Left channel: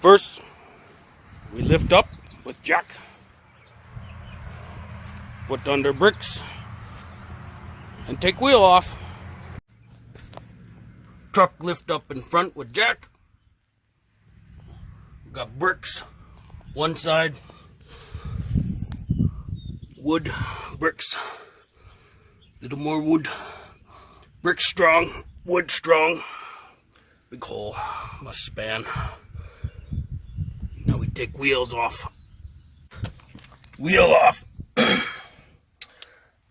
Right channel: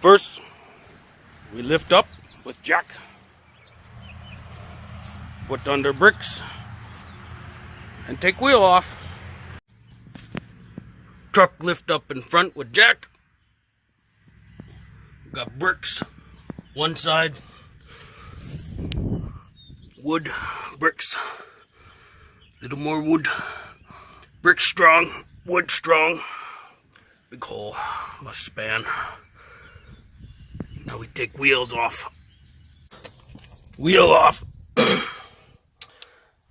First, we lift up with jack, put under bricks, and take wheel off. Truck lift up in front with jack. Got bricks, one side, wood, bricks, little more wood, bricks strong, wood strong, big hole, must span. Now we take wheels off. Wheel off.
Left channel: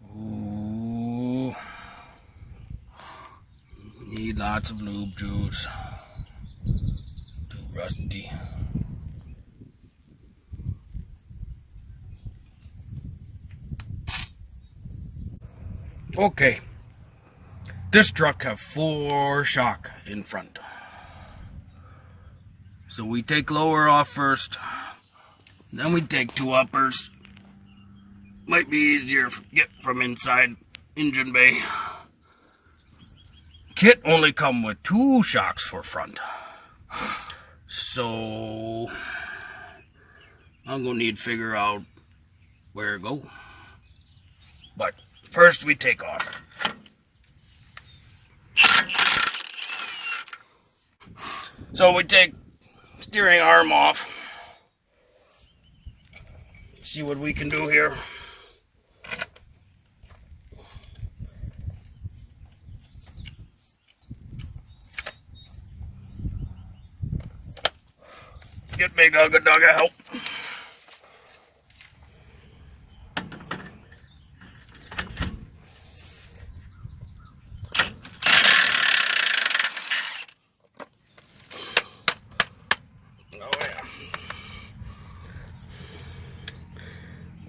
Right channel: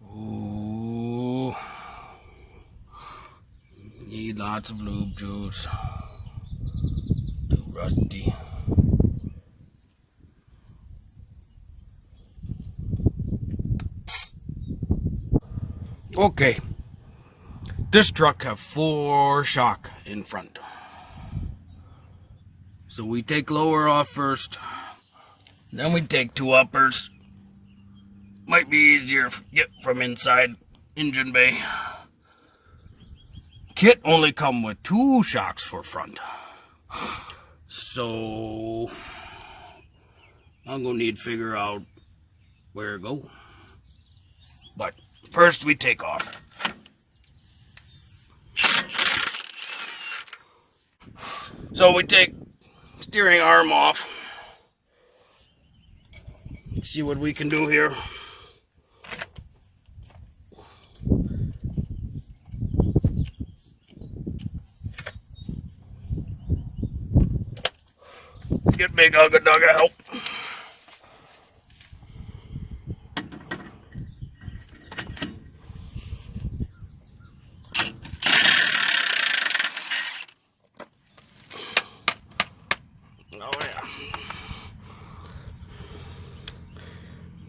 Ooh. Need lots of lube juice. Too rusty. Okay. This truck have 4 shock in front. So we take lower off first, then we take 2 uppers. Might be easier to get from inside engine bay. Kit only come with 2 shocks for front. So I'm gonna need to figure out where to go. But first we take off. So we take steering arm off. Let's see what we can do here. Get big Ugga Dugga help. Oh yeah.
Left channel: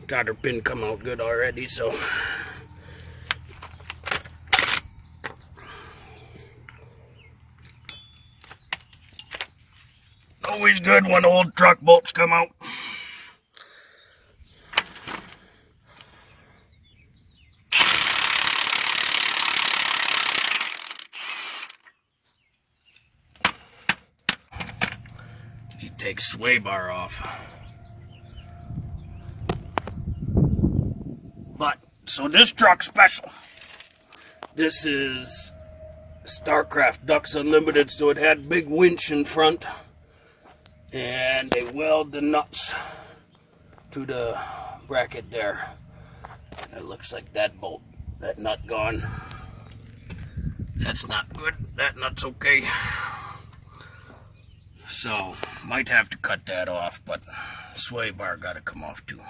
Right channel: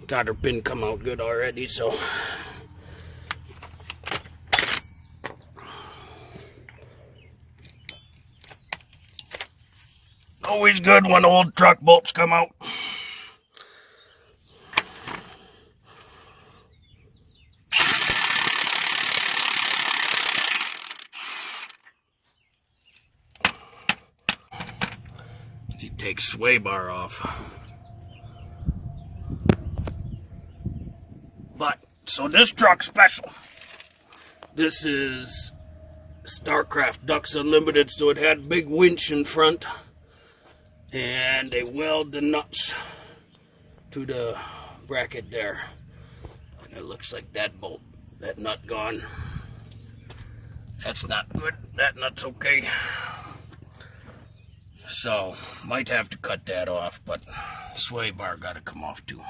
Got her pin come out good already, so always good when old truck bolts come out. He takes sway bar off. But, so this truck's special. This is StarCraft Ducks Unlimited, so it had big winch in front. And they weld the nuts to the bracket there. It looks like that bolt, that nut gone. That's not good. That nut's okay. So, might have to cut that off, but sway bar gotta come off too.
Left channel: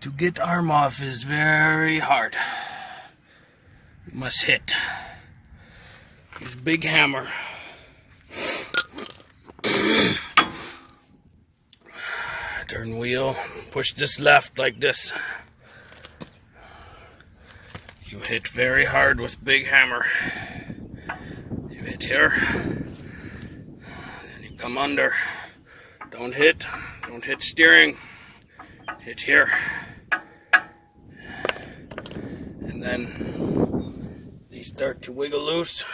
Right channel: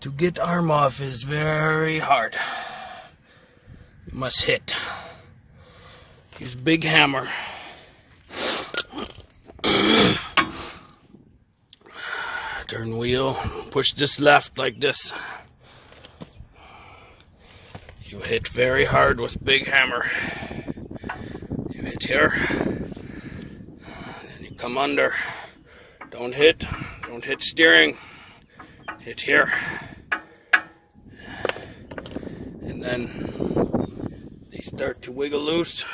To get arm off is very hard. You must hit. This big hammer. Turn wheel, push this left like this. You hit very hard with big hammer. You hit here, then you come under. Don't hit steering. Hit here. And then they start to wiggle loose.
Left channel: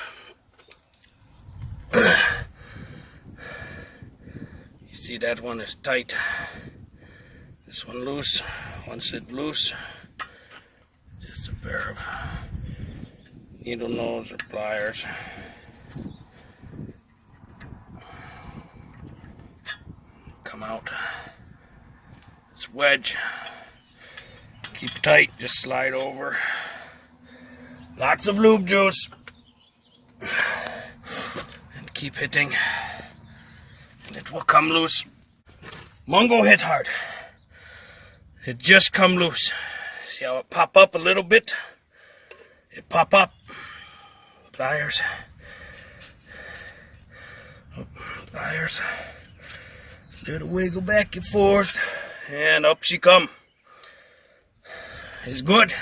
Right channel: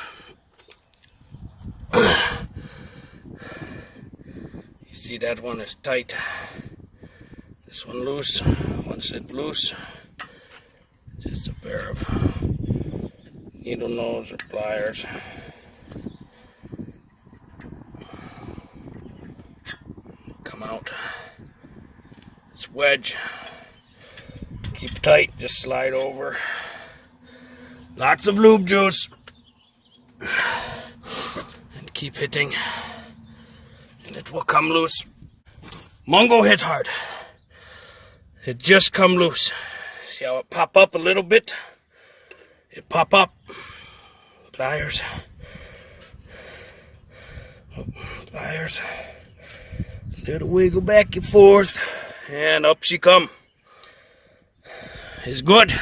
See, that one is tight. This one loose. Once it's loose, just a pair of needle nose or pliers. Come out. It's wedge. Keep tight, just slide over. Lots of lube juice. And keep hitting. It will come loose. Mongo hit hard. It just come loose. See how it pop up a little bit? It pop up. Pliers. Oh, pliers. Little wiggle back and forth. And up she come. It's good.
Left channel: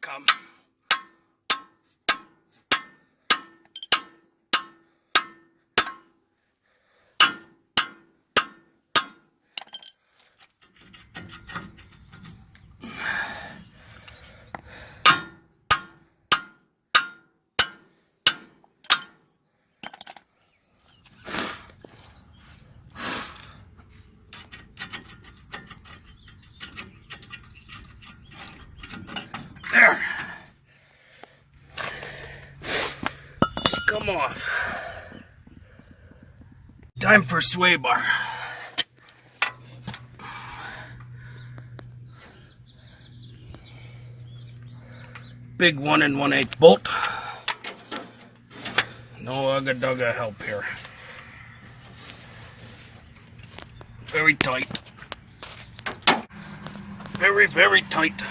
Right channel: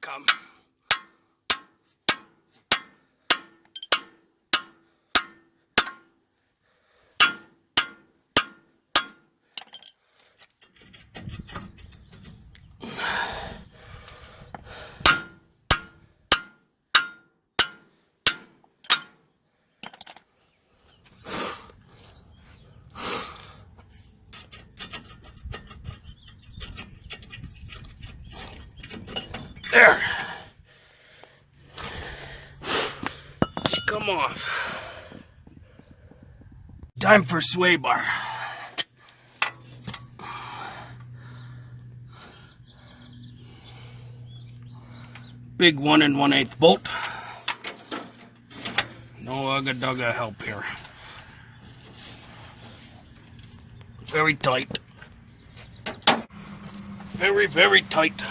Come. There. Just come off. Time for sway bar. Big 1 1/8 bolt. No ugga-dugga help here. Very tight. Very, very tight.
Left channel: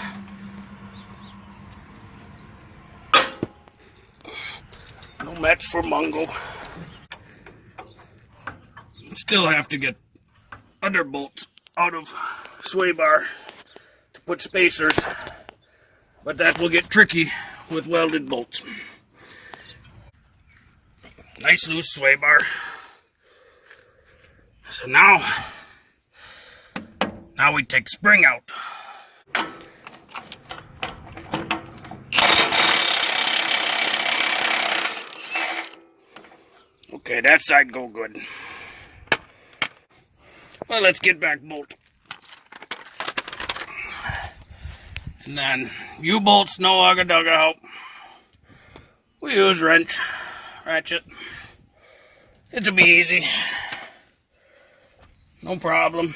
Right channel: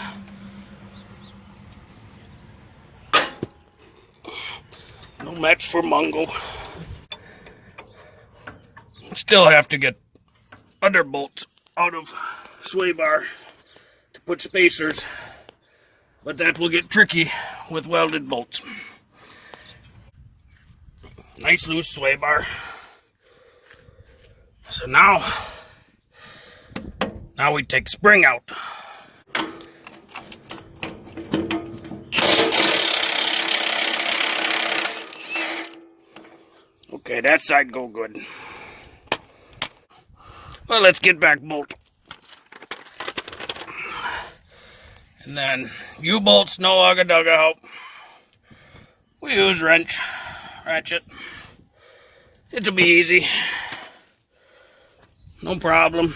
No match for Mongo. Still have to get other bolts out of sway bar to put spacers, but that will get tricky with welded bolts. Nice loose sway bar. So now we take spring out. Okay, that side go good. Well, let's get back bolt. And then U-bolts, no ugga-dugga help. We use wrench, ratchet. It'll be easy. No problem.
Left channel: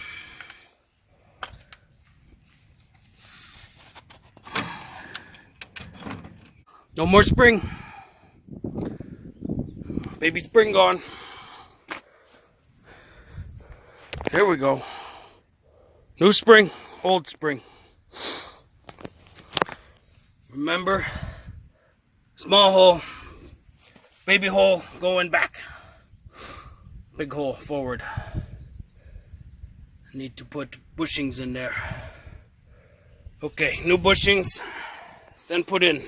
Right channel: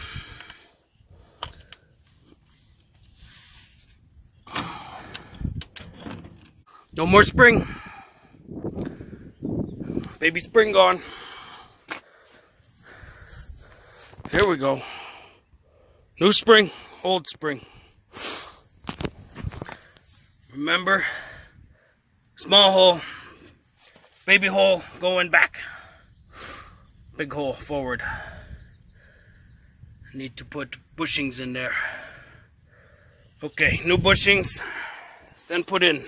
No more spring. Baby spring gone. Here we go. New spring, old spring. Remember, small hole, baby hole going back. Big hole forward. Need to put bushings in there. Okay, new bushings, then put in.